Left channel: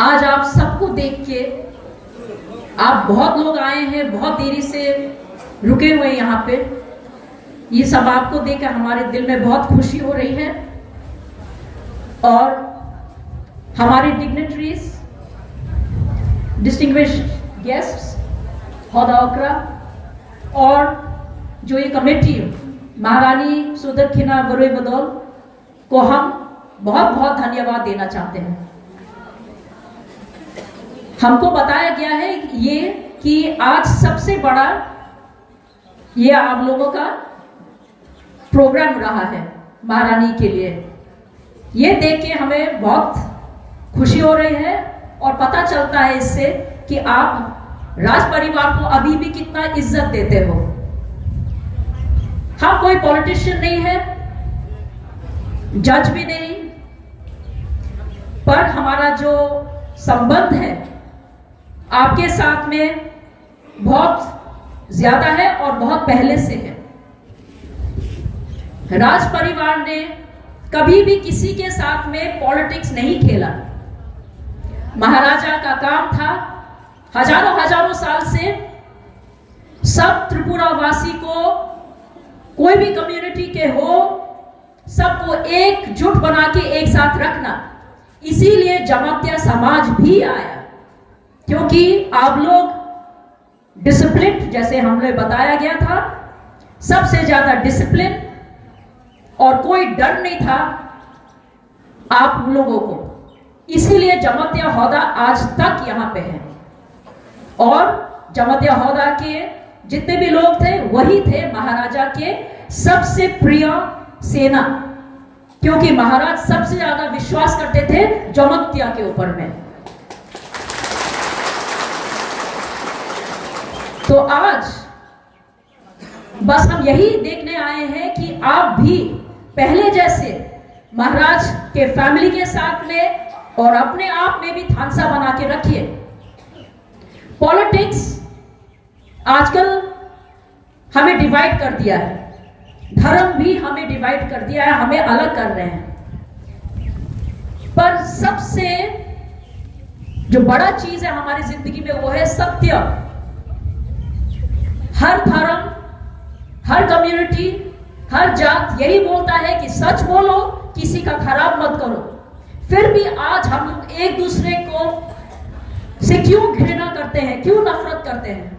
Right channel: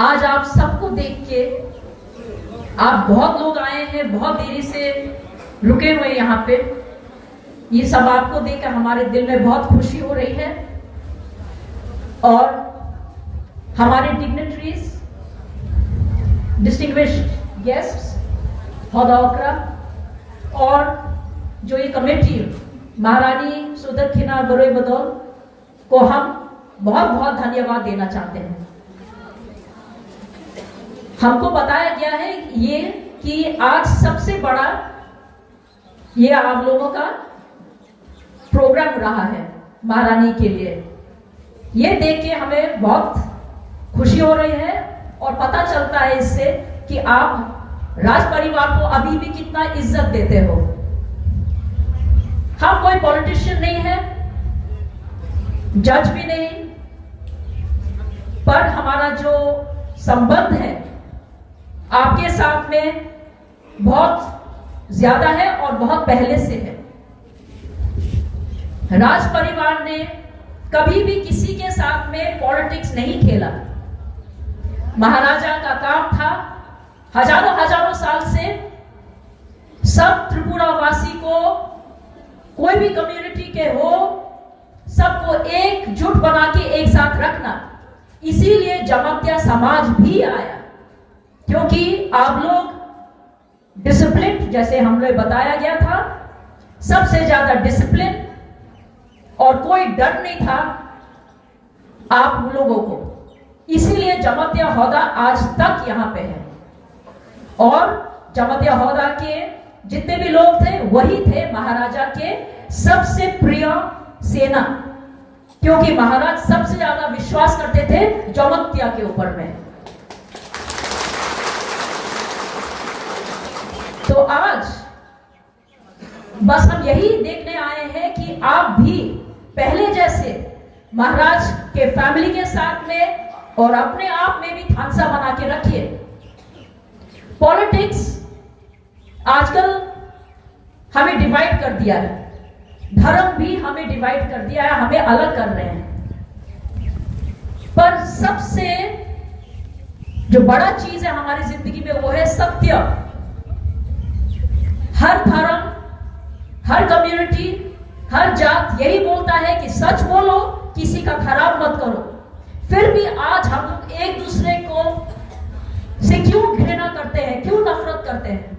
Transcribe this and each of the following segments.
आज आप सबको देख के, आप बहुत लोग आए हैं, बहुत देरी से रुके हुए यहाँ पे, ये सब आपको देखकर हमारे दिल में बहुत खुशी हो रही है। और हमारे डिग्निटरीज, डिस्टिंग्विश्ड गेस्ट्स, हौदा और जो ये कमेटी महारानी सुदक्षिणा बरोई बदौल को हम बहुत बहुत धन्यवाद देना चाहते हैं। हमको बताया गया है ये कि आज सबसे बड़ा ये आप लोगों का प्रोग्राम रहा है महारानी के लिए। ये देख के हमें बहुत खुशी हो रही है और पता चलता है इससे कि आप राज परिवार को अभी भी कितना इज्जत देते हो। हम कोई पॉलिटिशियन नहीं है, जज भी नहीं, पर हमारा जो संबंध है आपके साथ में बहुत ज्यादा है और बहुत पहले से है। राज परिवार ने कभी भी किसी के साथ में पॉलिटिक्स नहीं खेला। महाराजा का काम था हजारों हजारों साल से सब त्रिपुरा वासी को, कोई भी कम्युनिटी के हो, सबको एकजुट बना के एक साथ रखना। इसीलिए जमातिया समाज भी आया, क्योंकि आप लोग डिसिप्लिन, जैसे हमने बताया गया था, सबसे ज्यादा डिसिप्लिन और कोई डर नहीं था आप लोगों को। इसीलिए जमातिया हौदा आज तक यहां पे है। और जमातिया हौदा के जितने भी लोग थे वही थे महाराजा के सबसे प्रिय सेना, क्योंकि महाराज सबसे ज्यादा विश्वास करते थे जमातिया के ऊपर में। तो आज बस हम यही देखने आए हैं कि आप भी पहले जैसे महाराज के फैमिली के साथ में और अपने आप में भी थानसा बना के रखिए। पॉलिटिक्स आजकल हमें डिवाइड कर दिया है, धर्म भी हमें डिवाइड कर दिया है, हमें अलग कर रहे हैं। पर सबसे जो बड़ा चीज है हमारी जिंदगी में वो है सत्य। हर धर्म, हर कम्युनिटी, हर जात यही बोलता है कि सच बोलो, किसी का खराब मत करो। फिर भी आज हम लोग एक दूसरे को से क्यों घृणा करते हैं, क्यों नफरत करते हैं?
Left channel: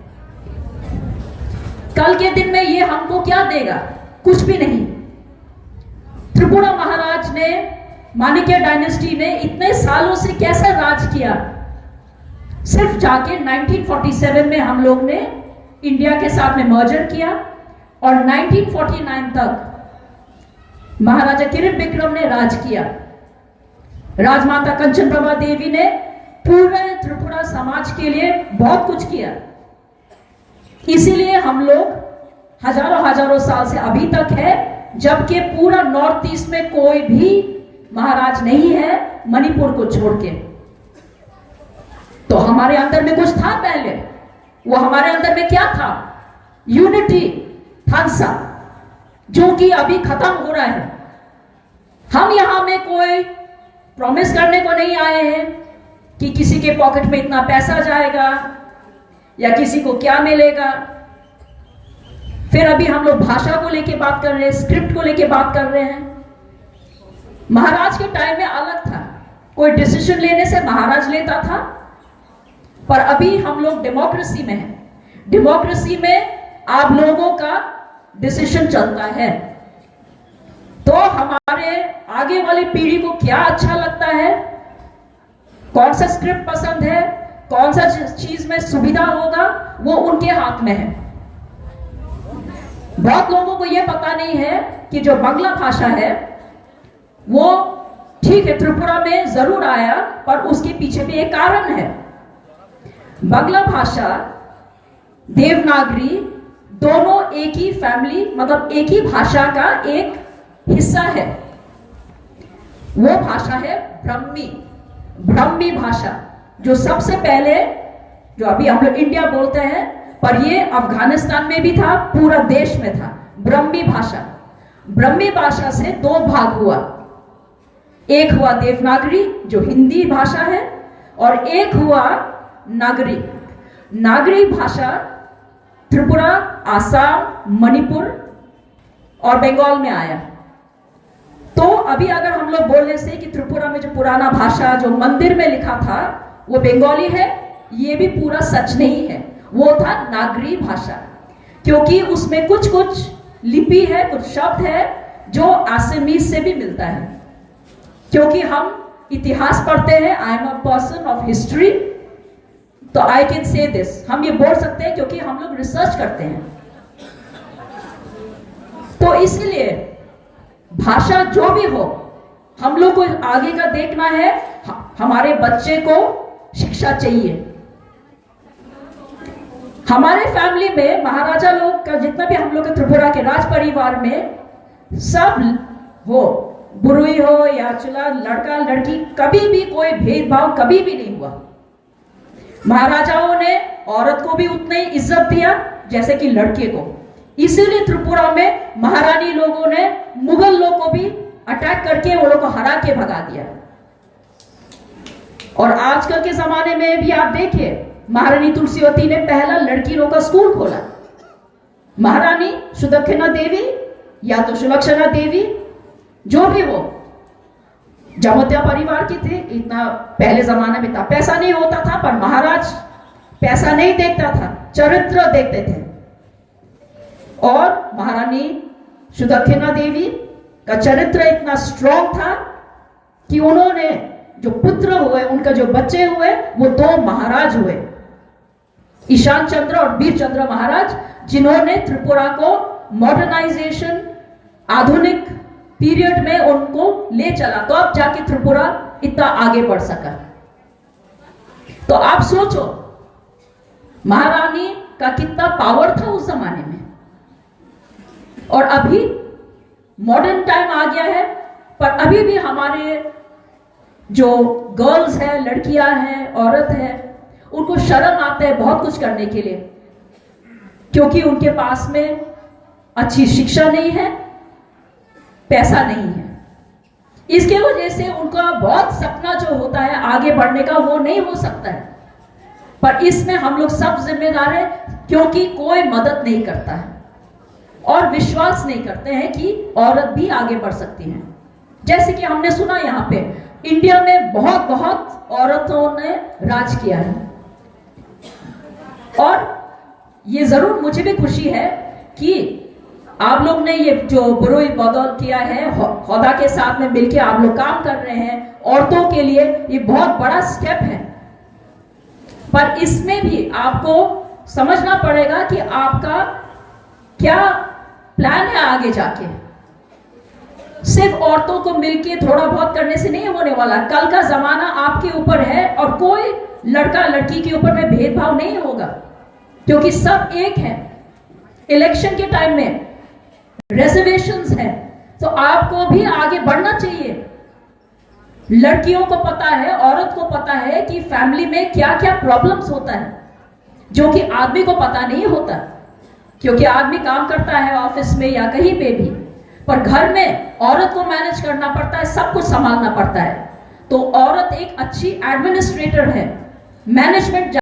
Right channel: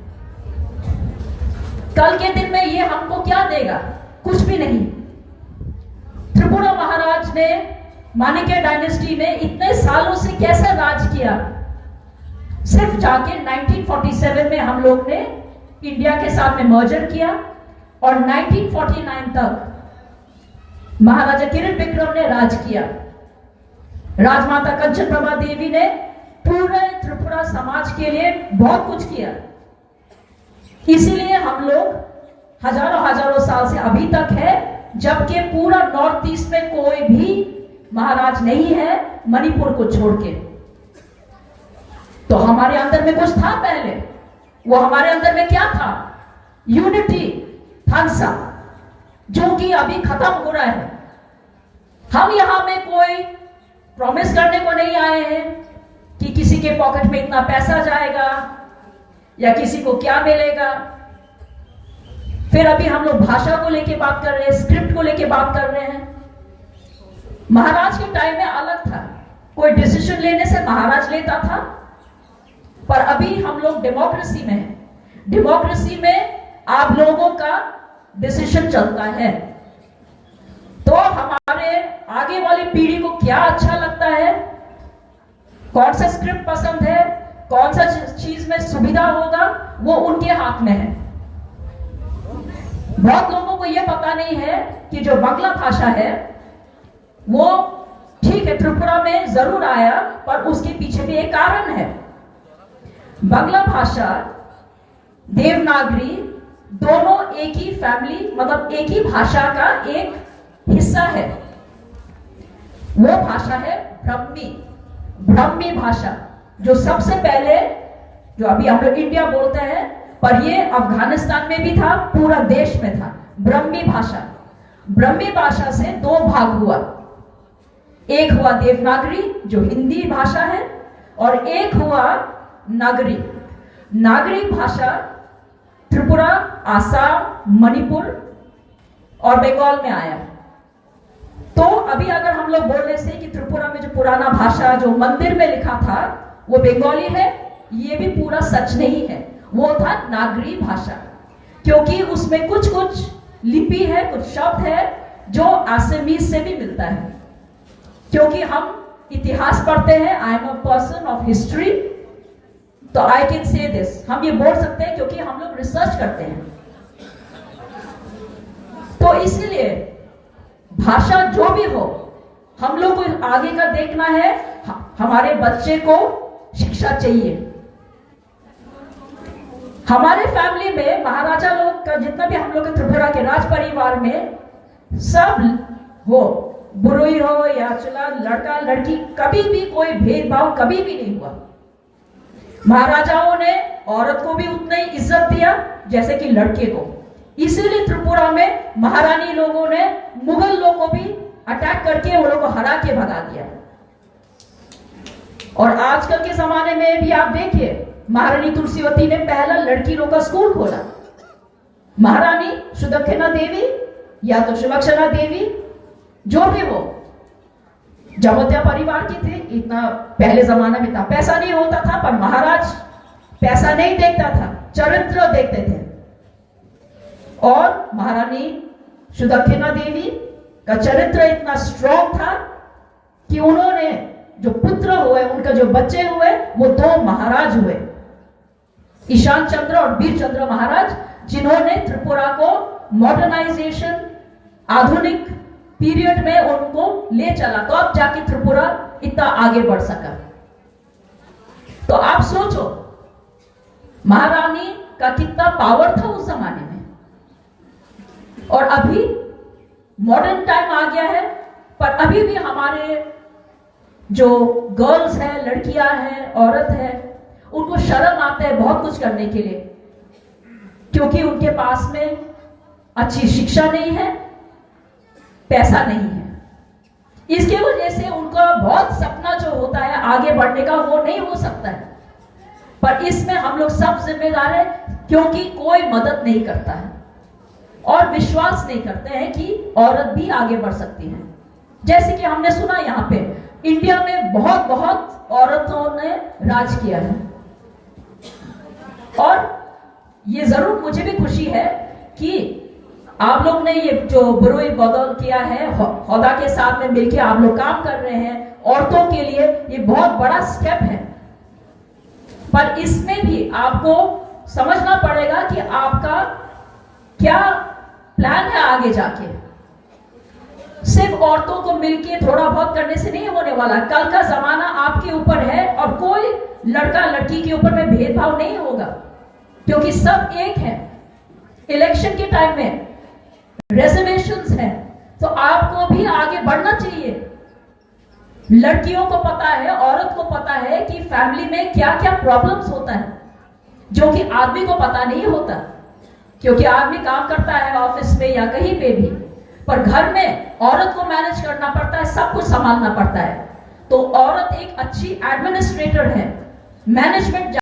कल के दिन में ये हमको क्या देगा? कुछ भी नहीं। त्रिपुरा महाराज ने, माणिक्य डायनेस्टी ने इतने सालों से कैसे राज किया? सिर्फ जाके 1947 में हम लोग ने इंडिया के साथ में मर्जर किया और 1949 तक महाराजा किरण विक्रम ने राज किया। राजमाता कंचन प्रभा देवी ने पूरे त्रिपुरा समाज के लिए बहुत कुछ किया। इसीलिए हम लोग हजारों हजारों साल से अभी तक है, जबकि पूरा नॉर्थ ईस्ट में कोई भी महाराज नहीं है मणिपुर को छोड़ के। तो हमारे अंदर में कुछ था पहले, वो हमारे अंदर में क्या था? यूनिटी, थानसा, जो कि अभी खत्म हो रहा है। हम यहां में कोई प्रॉमिस करने को नहीं आए हैं कि किसी के पॉकेट में इतना पैसा जाएगा या किसी को क्या मिलेगा। फिर अभी हम लोग भाषा को लेके बात कर रहे हैं, स्क्रिप्ट को लेके बात कर रहे हैं। महाराज के टाइम में अलग था, कोई डिसीजन लेने से महाराज लेता था, पर अभी हम लोग डेमोक्रेसी में हैं। डेमोक्रेसी में आप लोगों का डिसीजन चलता है। तो हमारे आगे वाली पीढ़ी को क्या अच्छा लगता है, कौन सा स्क्रिप्ट पसंद है, कौन सा चीज में सुविधा होगा, वो उनके हाथ में है। बहुत लोगों को यह पता नहीं है कि जो बांग्ला भाषा है वो ठीक है त्रिपुरा में जरूर आया, पर उसके पीछे भी एक कारण है। बांग्ला भाषा, देवनागरी दोनों एक ही फैमिली, मतलब एक ही भाषा का एक हिस्सा है। वो भाषा है ब्राह्मी भाषा, जो सबसे पहले, जो अभी हम लोग इंडिया बोलते हैं, पर ये अफगानिस्तान में भी था, पूरा देश में था। ब्राह्मी भाषा से दो भाग हुआ। एक हुआ देवनागरी, जो हिंदी भाषा है, और एक हुआ नागरी। नागरी भाषा त्रिपुरा, आसाम, मणिपुर और बंगाल में आया। तो अभी अगर हम लोग बोलने से कि त्रिपुरा में जो पुराना भाषा जो मंदिर में लिखा था वो बंगाली है, ये भी पूरा सच नहीं है। वो था नागरी भाषा, क्योंकि उसमें कुछ कुछ लिपि है, कुछ शब्द है जो आसामीज से भी मिलता है। क्योंकि हम इतिहास पढ़ते हैं, I am a person of history, तो आई कैन से दिस, हम ये बोल सकते हैं क्योंकि हम लोग रिसर्च करते हैं। तो इसलिए भाषा जो भी हो, हम लोग को आगे का देखना है, हमारे बच्चे को शिक्षा चाहिए। हमारे फैमिली में महाराजा लोग का जितना भी हम लोग के त्रिपुरा के राज परिवार में सब हो, बुरुई हो या चला लड़का लड़की, कभी भी कोई भेदभाव कभी भी नहीं हुआ। महाराजाओं ने औरत को भी उतना ही इज्जत दिया जैसे कि लड़के को। इसीलिए त्रिपुरा में महारानी लोगों ने मुगल लोगों को भी अटैक करके वो लोग को हरा के भगा दिया। और आजकल के जमाने में भी आप देखिए, महारानी तुलसीवती ने पहला लड़की लोग का स्कूल खोला। महारानी सुदक्षिणा देवी या तो सुलक्षणा देवी, जो भी हो, जमोत्या परिवार की थी। इतना पहले जमाने में था, पैसा नहीं होता था, पर महाराज पैसा नहीं देखता था, चरित्र देखते थे। और महारानी सुदक्षिणा देवी का चरित्र इतना स्ट्रॉन्ग था कि उन्होंने जो पुत्र हुए, उनका जो बच्चे हुए, वो 2 महाराज हुए, ईशान चंद्र और वीर चंद्र महाराज, जिन्होंने त्रिपुरा को मॉडर्नाइजेशन, आधुनिक पीरियड में उनको ले चला। तो अब जाके त्रिपुरा इतना आगे बढ़ सका। तो आप सोचो महारानी का कितना पावर था उस जमाने में। और अभी मॉडर्न टाइम आ गया है, पर अभी भी हमारे जो गर्ल्स हैं, लड़कियां हैं, औरत है, उनको शर्म आता है बहुत कुछ करने के लिए, क्योंकि उनके पास में अच्छी शिक्षा नहीं है, पैसा नहीं है। इसके वजह से उनका बहुत सपना जो होता है आगे बढ़ने का, वो नहीं हो सकता है। पर इसमें हम लोग सब जिम्मेदार हैं, क्योंकि कोई मदद नहीं करता है और विश्वास नहीं करते हैं कि औरत भी आगे बढ़ सकती है। जैसे कि हमने सुना यहाँ पे इंडिया में बहुत बहुत औरतों ने राज किया है। और ये जरूर मुझे भी खुशी है कि आप लोग ने ये जो बुरुई बदौल किया है, हौदा के साथ में मिलकर आप लोग काम कर रहे हैं औरतों के लिए, ये बहुत बड़ा स्टेप है। पर इसमें भी आपको समझना पड़ेगा कि आपका क्या प्लान है आगे जाके। सिर्फ औरतों को मिलके थोड़ा बहुत करने से नहीं होने वाला। कल का जमाना आपके ऊपर है और कोई लड़का लड़की के ऊपर में भेदभाव नहीं होगा, क्योंकि सब एक है। इलेक्शन के टाइम में रिजर्वेशंस है, तो आपको भी आगे बढ़ना चाहिए। लड़कियों को पता है, औरत को पता है कि फैमिली में क्या क्या प्रॉब्लम्स होता है, जो कि आदमी को पता नहीं होता, क्योंकि आदमी काम करता है ऑफिस में या कहीं पे भी, पर घर में औरत को मैनेज करना पड़ता है, सब कुछ संभालना पड़ता है। तो औरत एक अच्छी एडमिनिस्ट्रेटर है, मैनेजमेंट